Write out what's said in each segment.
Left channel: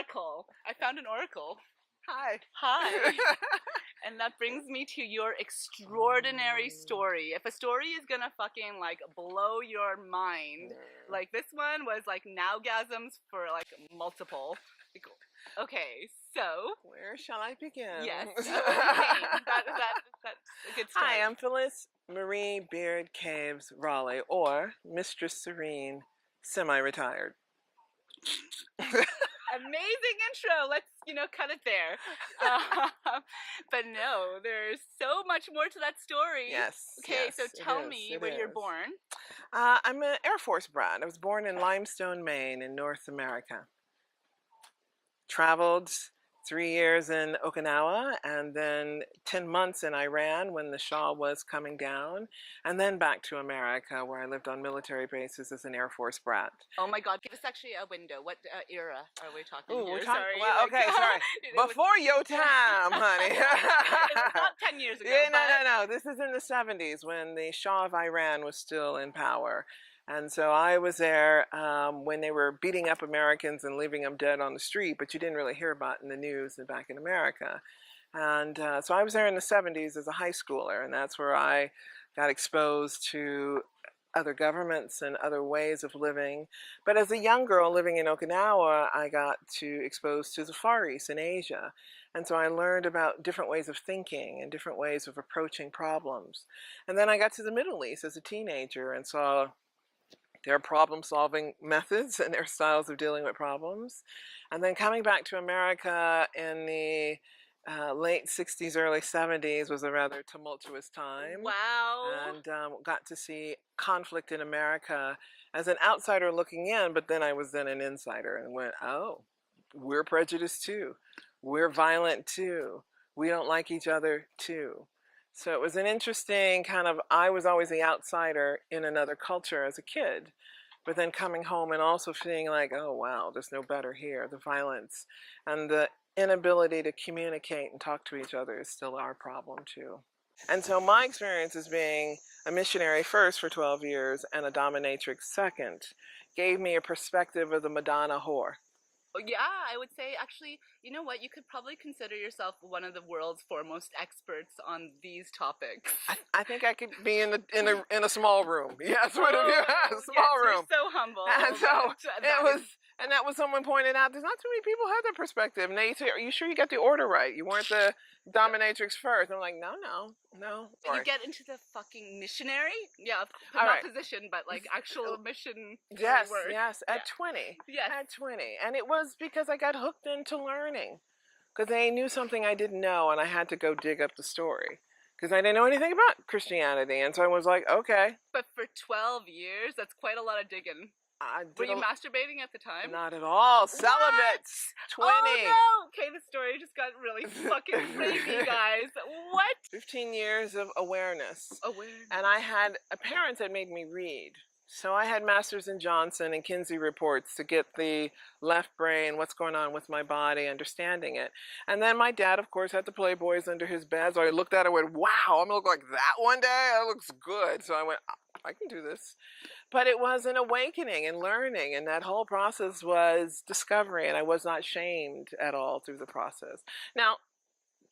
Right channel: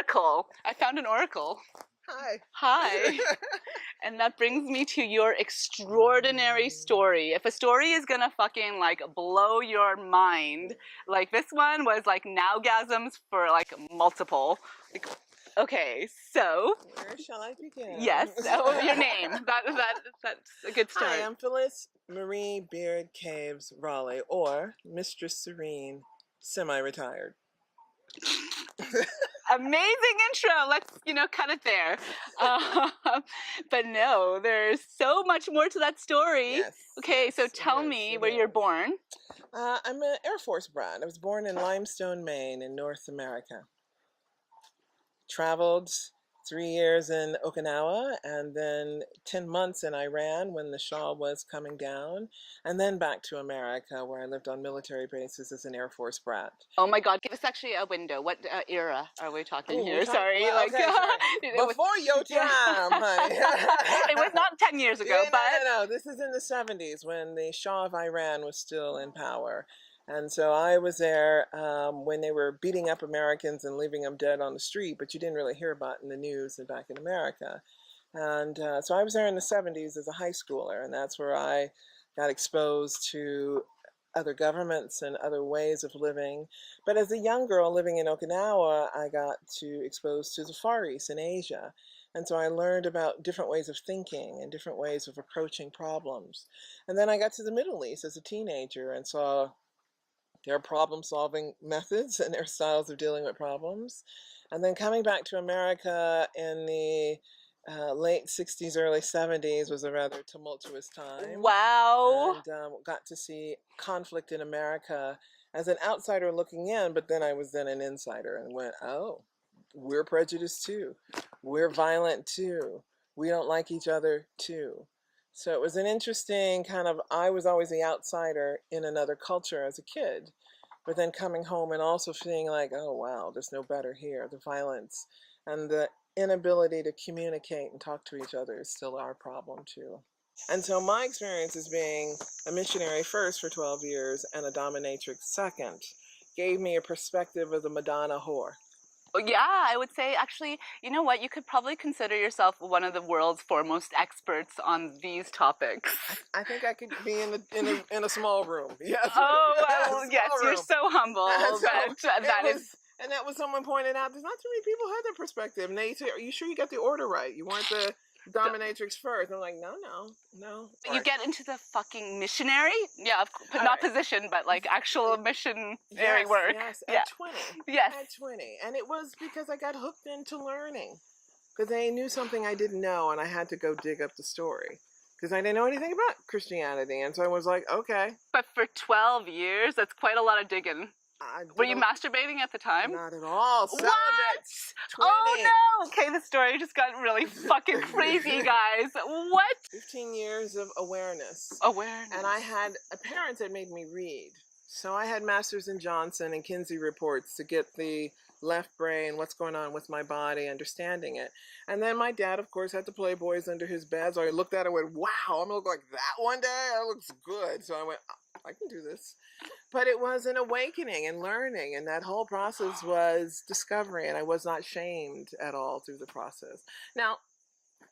oracle. I found an oracle. Hi. Hi. And that brings me to your extraordinary story. If a story is gonna fucking like blow your mind, like this one was like nowgasms for like multiple. Like, okay, so Where shall I begin? yes, your name. That's a good start. Hi, I'm Phyllis Marie Beard Caves Raleigh, or Mistress Serene, semi-retired. Amazing intro. Let's, cut it there. But no, there's so much more to that story. Yes. Okay, yes, so tell me where you're born. I'm an Air Force brat. I was born in Limestone, Maine, in North America. Traveled 3 years in Okinawa, and then 10 months in Iran when the Shah was coming down, and then back to America where I lived on military bases as an Air Force brat. Oh my God, give us actually a window. What era are we talking here? Sorry. Sorry. Before your time, honey. It was not 10 years ago. Yeah, no. This is in the 70s when the Shah of Iran was still in power. And so I was there when they were beating up Americans and leaving them dead on the street, but you didn't really hear about it in the news and back in America. And so I was there in the 70s as a high schooler, and that's where I got exposed to other governments and other ways of living. But as a young girl living in Okinawa, I got exposed to the Far East in Asia. And so I learned about different ways of thinking and different ways of approaching problems. And then I got to the Middle East as a teenager and saw their problem-solving methods and their styles of dealing with problems. And then coming back to America in the late 60s, early 70s was a rather tumultuous time. Wow. And got to see conflict in America as an outsider looking in, but then I was then an insider and went, oh, we're prejudiced too. We're violent too. We don't like each other too. So it was an interesting I was always the outsider in another culture as a kid, but then coming home and also feeling like, oh wow, there's no better here. The violence and the inability to communicate and talk to each other is still our problem too. And so my experience as being a missionary first for 12 years and a dominatrix second gave me a perspective of the Madonna whore. Yeah, I would say actually, you know what? You could probably consider yourself one of the world's foremost experts on these topics. I think I could be in a small room. Yes, yes, you're so humble. And that was someone pointed out. There's not too many people who have that perspective. And they say, "Are you sure you got the order right? You weren't the dominatrix first." I'm like, no. You get into the fucking missionary? Yeah, not position, but like actual missionary work. Yes, at 20. Yes. At 20. And it was because I got hooked into learning. Because they knew something I didn't know, and I had to go dig up the story. Because I didn't know anything about Christianity. And so I was like, okay. But for 12 years, that's quite a lot of digging. Were you masturbating at the time? Not at all. Celibate. 20. Oh no! Okay, the story just got really fucking crazy, guys. What? 15 years of awareness. Awareness. And I had parents that made me read. So I had Masters in Johnson and Kinsey reports to get the left brain, what's going on with my body, understanding it. And then my dad, of course, had the Playboys under his bed. So I looked at it and went, wow, I'm going to look like that one day? That looks good. So I went, I can do this. But it was an awakening and learning, and that whole process was discovery, and I was not shamed at all through the process. Now,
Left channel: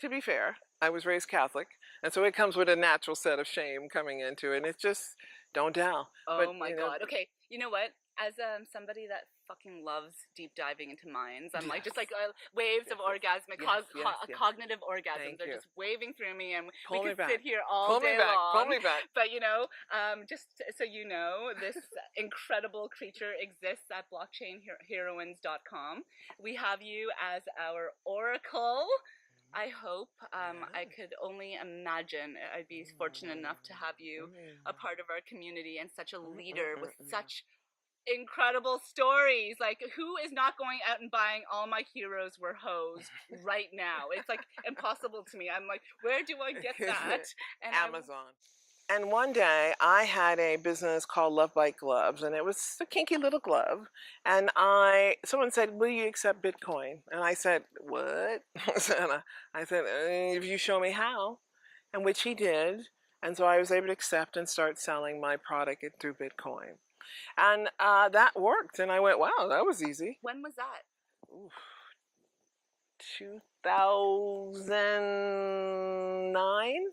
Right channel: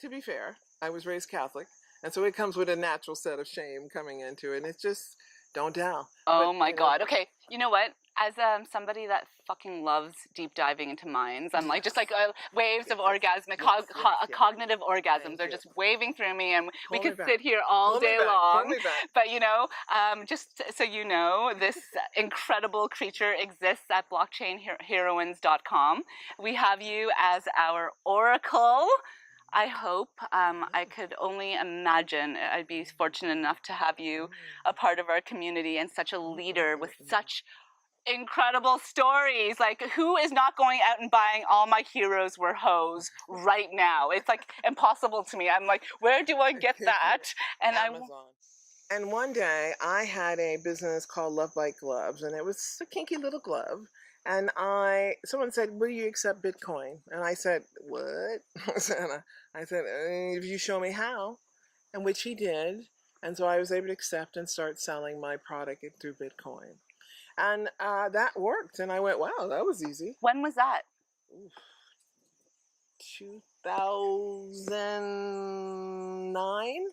to be fair, I was raised Catholic, and so it comes with a natural set of shame coming into it, and it's just, don't tell. Oh my God. Okay, you know what? As somebody that fucking loves deep diving into minds, I'm like, just like waves of orgasmic, cognitive orgasms are just waving through me, and we could sit here all day long. But just so you know, this incredible creature exists at blockchainheroines.com. We have you as our oracle. I hope. I could only imagine I'd be fortunate enough to have you a part of our community and such a leader with such incredible stories. Like, who is not going out and buying All My Heroes Were Hoes right now? It's like impossible to me. I'm like, where do I get that? And Amazon. And one day I had a business called Love Bite Gloves, and it was a kinky little glove. And someone said, will you accept Bitcoin? And I said, what? I said, if you show me how, and which he did. And so I was able to accept and start selling my product through Bitcoin. And that worked. And I went, wow, that was easy. When was that? Oof, 2009.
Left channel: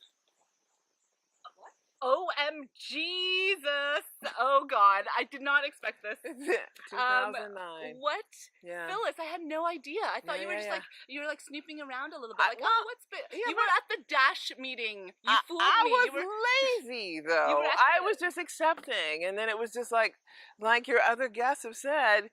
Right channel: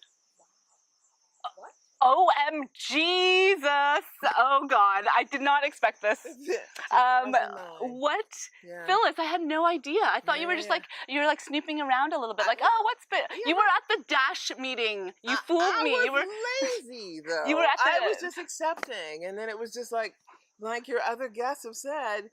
OM Jesus! Oh God, I did not expect this. 2009. What? Yeah. Phyllis, I had no idea. I thought you were just like, you were like snooping around a little bit, like, oh, what's been? Yeah, you were at the Dash meeting. You fooled me. I You was were lazy though. You were at I the- was just accepting, and then it was just like your other guests have said,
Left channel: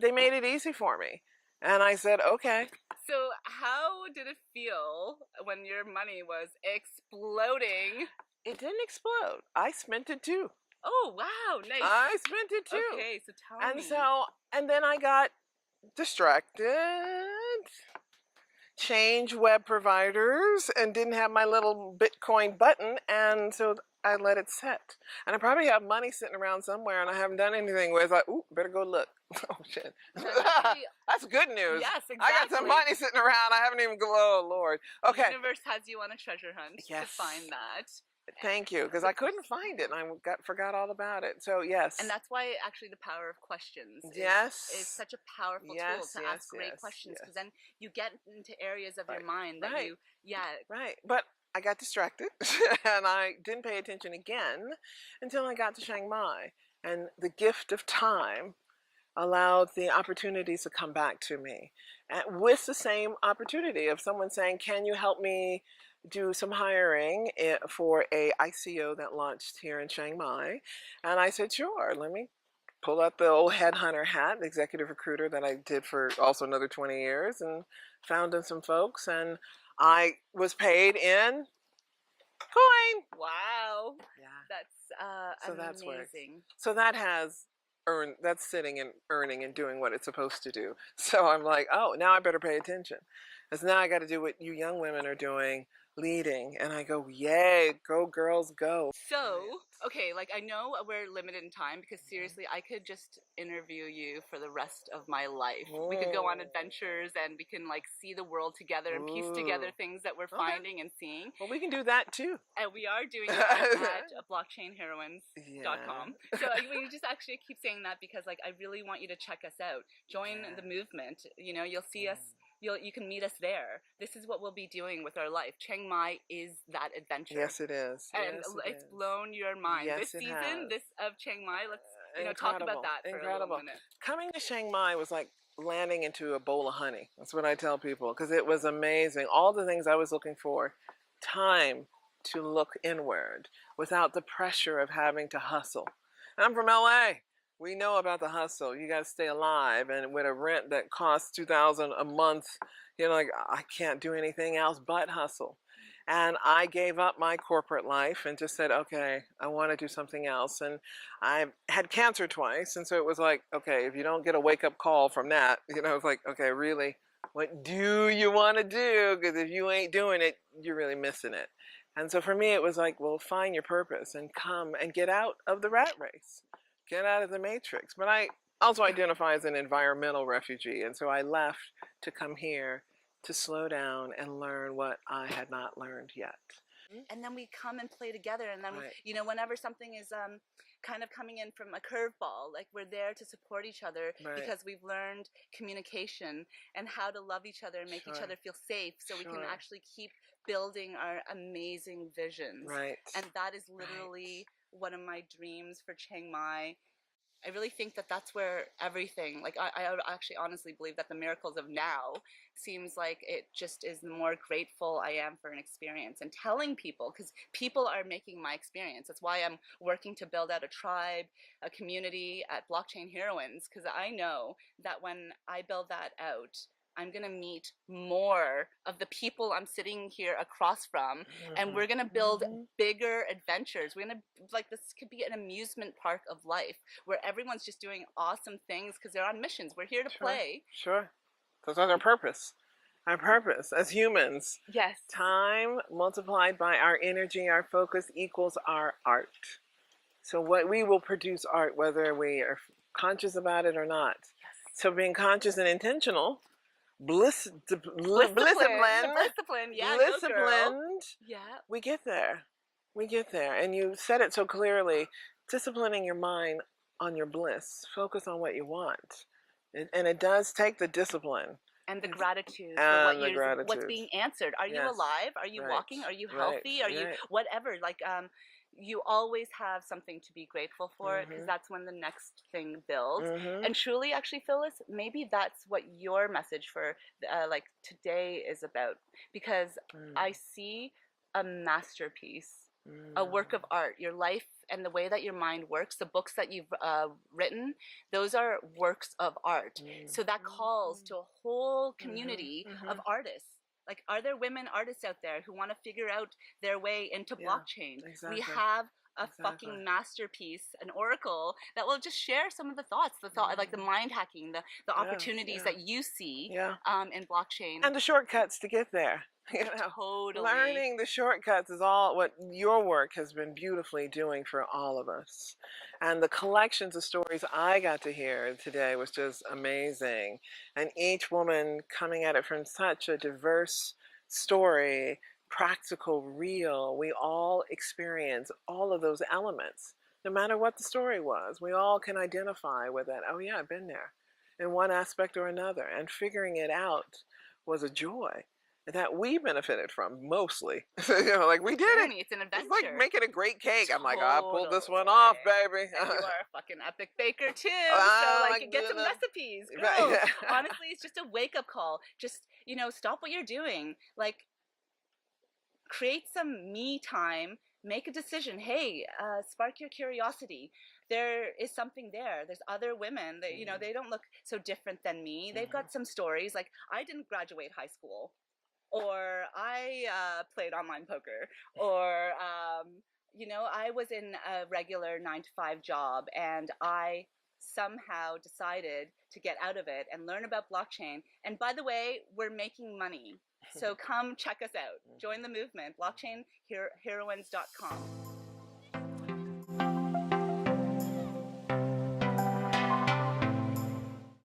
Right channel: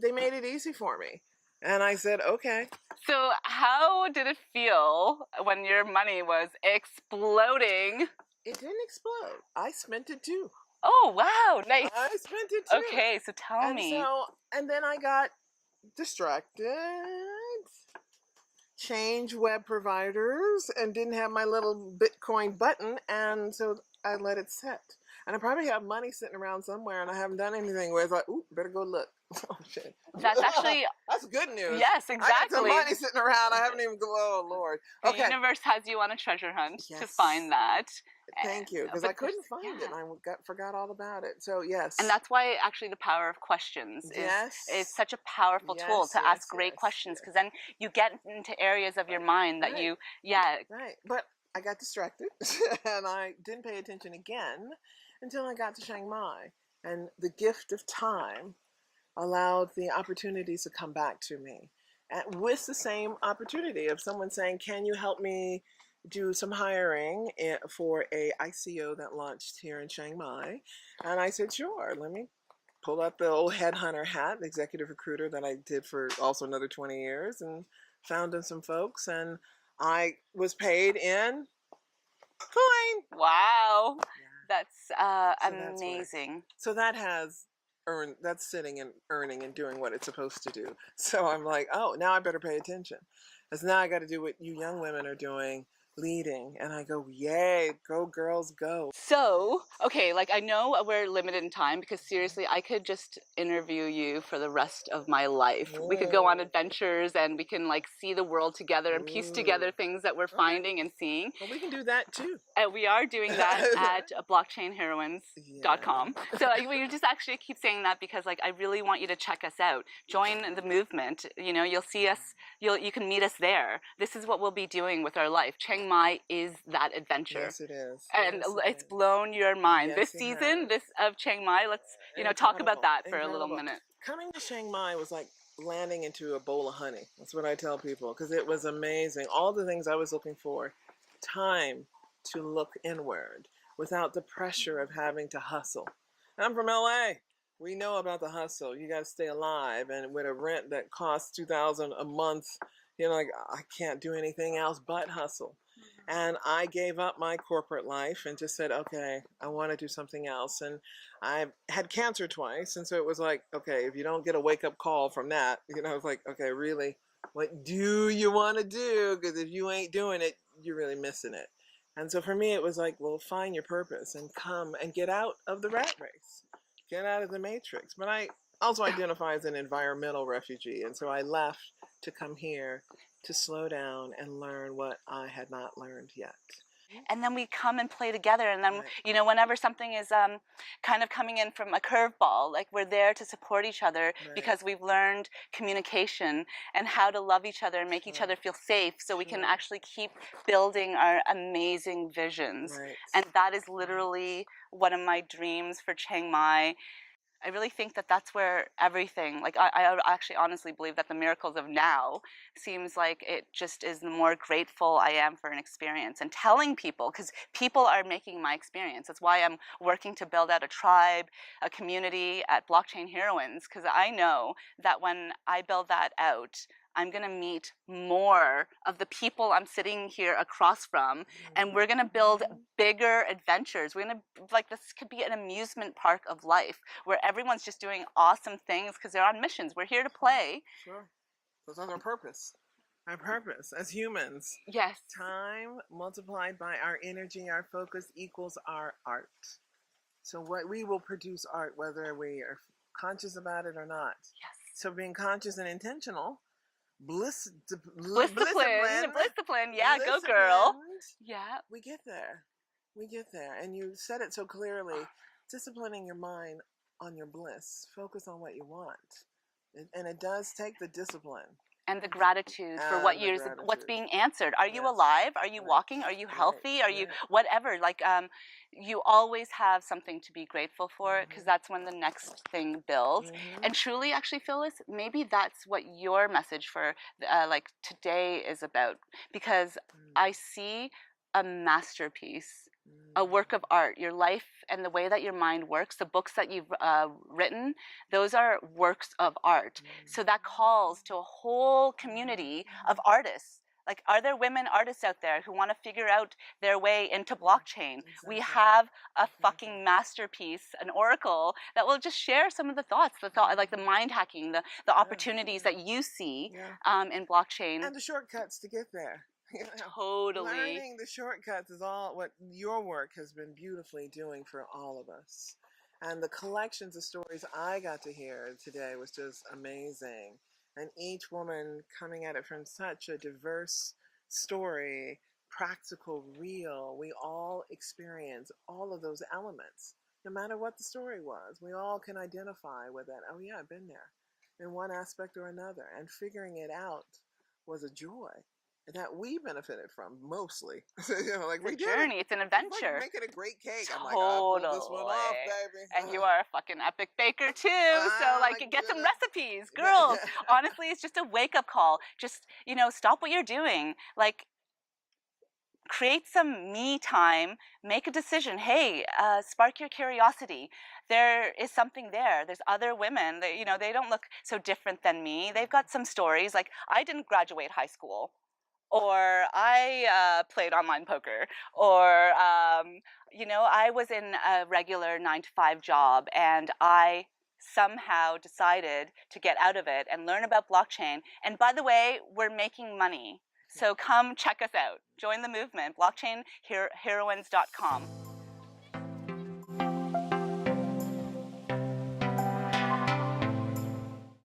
they made it easy for me, and I said okay. So how did it feel when your money was exploding? It didn't explode. I spent it too. Oh wow, nice. I spent it too. Okay, so tell me. And then I got distracted, changed web providers, and didn't have my little Bitcoin button, and so I let it sit. And I probably have money sitting around somewhere, and I haven't done anything with it. Ooh, better go look. Oh shit. That's actually that's good news. Yes, exactly. I got some money sitting around. I haven't even. Oh Lord. Okay. The universe has you on a treasure hunt to find that. Thank you, because I couldn't find it, and I forgot all about it. So yes, and that's why actually the power of questions is such a powerful tool to ask great questions, because then you get into areas of your mind that you right. But I got distracted, and I didn't pay attention again until I got to Chiang Mai, and the gift of time allowed the opportunities to come back to me, and with the same opportunity of someone saying, "Can you help me do some hiring for a ICO that launched here in Chiang Mai?" And I said, sure, let me pull out the old headhunter hat, the executive recruiter that I did for also another 20 years, and found some folks, and I was paid in coin. Wow. Yeah. That's amazing. So that has that's sitting and earning and doing what it's supposed to do. So I'm like, oh, now I better pay attention, because now I got to do what you young women are doing, leading, and I go, yay, go girls, go. So, okay, like I know we're limited in time, because seriously, I could just interview you for the rest of my life. We could go on adventures, and we can like see the world together and piece together things that we're finding and seeing. Well, we can do that too. And we are doing that at blockchainheroines.com. So we just actually keep saying that because like I really want you to check us out. Join the movement. You know, you'll see us, you can meet us there. This is what we'll be doing with our life. Chiang Mai is that adventure. Yes, it is. And it's blown your mind. This season, of Chiang Mai, let's talk about that for a little minute. Coming to Chiang Mai was like landing into a bowl of honey. That's what I tell people, because it was amazing. All the things I was looking for, time to look inward without the pressure of having to hustle. And I'm from LA. We know about the hustle. You got to stay alive, and with a rent that costs $2,000 a month, you know, like I can't do anything else but hustle. And I gave up my corporate life and just said, okay, I want to do something else. And I had cancer twice, and so it was like, okay, if you don't get a wake-up call from that, you know, it's like, okay, really, what do you want to do? Because if you ain't doing it, you're really missing it. And so for me, it was like, well, find your purpose and come and get out of the rat race. Get out of the matrix. But I also identify as an environmental refugee, and so I left to come here to slow down and learn what I had not learned yet. And then we come and play together, and then you know, whenever something is kind of coming in from a curveball, like we're there to support each other because we've learned communication and how to love each other and make each other feel safe, so we can actually keep building our amazing visions. And that is literally one of my dreams for Chiang Mai. I really think that that's where everything, like I actually honestly believe that the miracles of now seems like it just is the more grateful I am for an experience, and telling people, because people are making my experience. That's why I'm working to build out a tribe, a community at Blockchain Heroines, because I know that when I build that out, I'm going to meet more of the people I'm sitting here across from, and we're going to build bigger adventures. We're going to, like, this could be an amusement park of life where everyone's just doing awesome things because they're on missions. We're here to play. Sure. That's our purpose. Our purpose as humans. Yes. Time multiplied by our energy, our focus equals our art. So what we will produce art, whether we are conscious about it or not. Yes. So being conscious and intentional, discipline, yeah, go girl. Yeah, we get there. We get there. And you said it so clearly, disciplining your mind on your bliss. Focus on what you want. And it does take the discipline. And the gratitude for And what the what's gratitude. being answered. Are you Yes. alive? Are you Right. walking? Are you healthy? Right. Are you Right. whatever? Like you always have something to be grateful for, because that's when the next thing builds. And truly, actually, Phyllis, maybe that's what your message for like today is about, because I see a masterpiece, a work of art. Your life and the way that your mind works, the books that you've written, those are works of art. So that calls to a whole community of artists. Like, are there women artists out there who want to figure out their way into blockchain? Exactly. We have a fucking masterpiece, an oracle that will just share some of the thoughts, like the mind hacking, the opportunities that you see in blockchain. And the shortcuts to get there. You know, totally. Learning the shortcuts is all what your work has been beautifully doing for all of us. And the collections of stories I got to hear today was just amazing. And each woman coming at it from such a diverse story, practical, real. We all experience all of those elements. No matter what the story was, we all can identify with it. Oh yeah, I've been there in one aspect or another. And figuring it out was a joy that we benefited from mostly. You know, like we did it. It's an adventure. It's like making a great cake. Totally. I'm like, I pulled this one off, baby. And you are a fucking epic baker too. So like, get some recipes, girls. Honestly, it's just a wake-up call. Just, you know, stop what you're doing. Like, create some me time. Make a decision. Hey, spark your curiosity. There is something there. There's other women that, you know, they don't look so different than me. They've got some stories. Like, I didn't graduate high school, or I played online poker, or you know, I was in a regular 9-to-5 job, and I somehow decided to get out of it and learn about blockchain. And by the way, we're making money. So come check us out. Join the movement, blockchainheroines.com.